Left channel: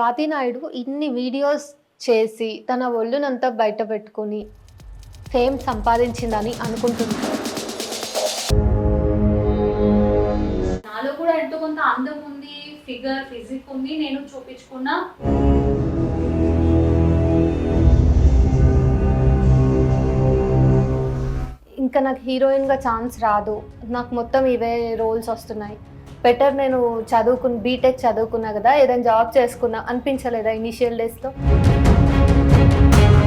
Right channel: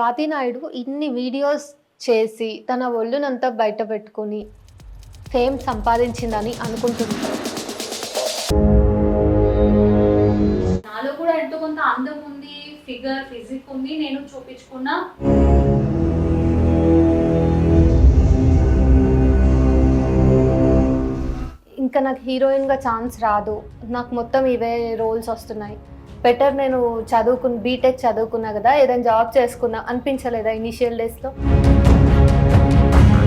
స్వాతి నాయుడు ఇన్ని వీడియోస్ చేసి తన ఒళ్ళునంతా బయట పెట్టుకొని ఫేమ్ సంపాదించిందని అనుకుంటున్నాను. నాలో కూడా ఎంతో కొంత అందం ఉంది, ఫిజిక్ ఉంది, నేను చూపించుకున్నా. ఇంకా నాకు హీరోయిన్గా ఛాన్స్ రాదు, నాకు మొత్తం ఇవే రోల్స్ వస్తున్నాయి, బెటర్ నేను బీటెక్ చదువుకున్నా కదా, ఏదైనా జాబ్ చేసుకున్నా అనిపించలేదా ఇనిషియల్ డేస్లో?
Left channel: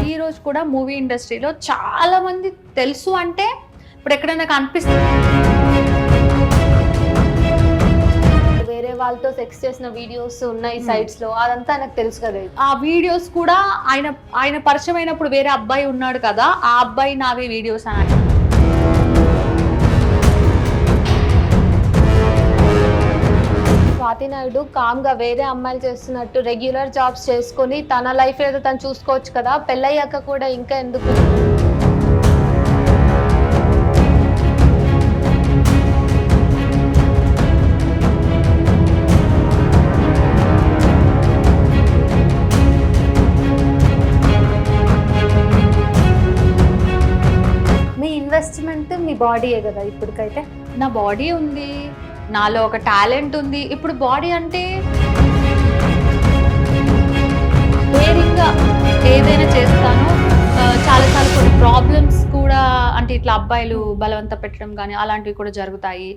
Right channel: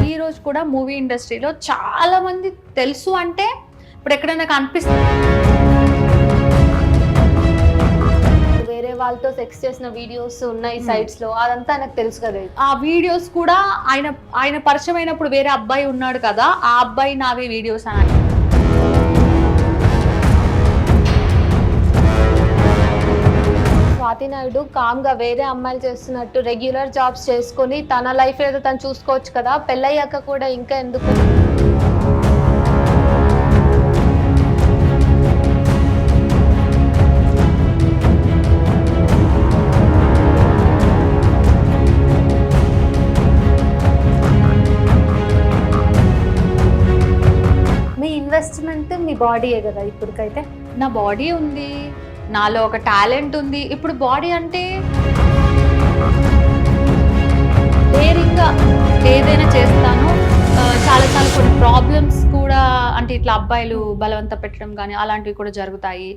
ఈ రోజు కూడా మూవీ ఇండస్ట్రీలో చాలా మంది తెలుసు అంటే ఇప్పుడు ఎక్కడైనా కనిపిస్తుంది. వేరే వాళ్ళతో సెక్స్ చేసిన వీడియోస్ ఉన్నాయి సైట్స్ లో, అదంతా నాకు తెలుసు కదా. ఆ వీడియోస్ కూడా ఆయన పరిచయం అయినప్పుడు వేరే అబ్బాయి ఉన్నాడు కదా, ఆ అబ్బాయి నావే వీడియోస్ అని. స్వాతి నాయుడు కామ్గా వేరే అమ్మాయిలు చేస్తున్నట్టు రెగ్యులర్ జాబ్స్ చేసుకొని తన లైఫ్ ఏదో తను చూసుకోవచ్చు కదా, పెళ్ళయ్యాక కూడా ఇంకా ఎందుకు? మీ ఇన్వెస్ట్మెంట్ మీ బాడీయే కదా ఇప్పటికైతే? నా బాడీ ఉంది, నాలో ఒక టాలెంట్ ఉంది. ఇప్పుడు బాడీ అంటే డేరింగ్గా ఏదైనా చేస్తాను. చాలాసార్లు కొన్ని ప్రాబ్లమ్స్ కూడా, అంటే ఇట్లా అబ్బాయిలు బలవంత పెట్టడం కానీ అలాంటివి కూడా జరుగుతాయి.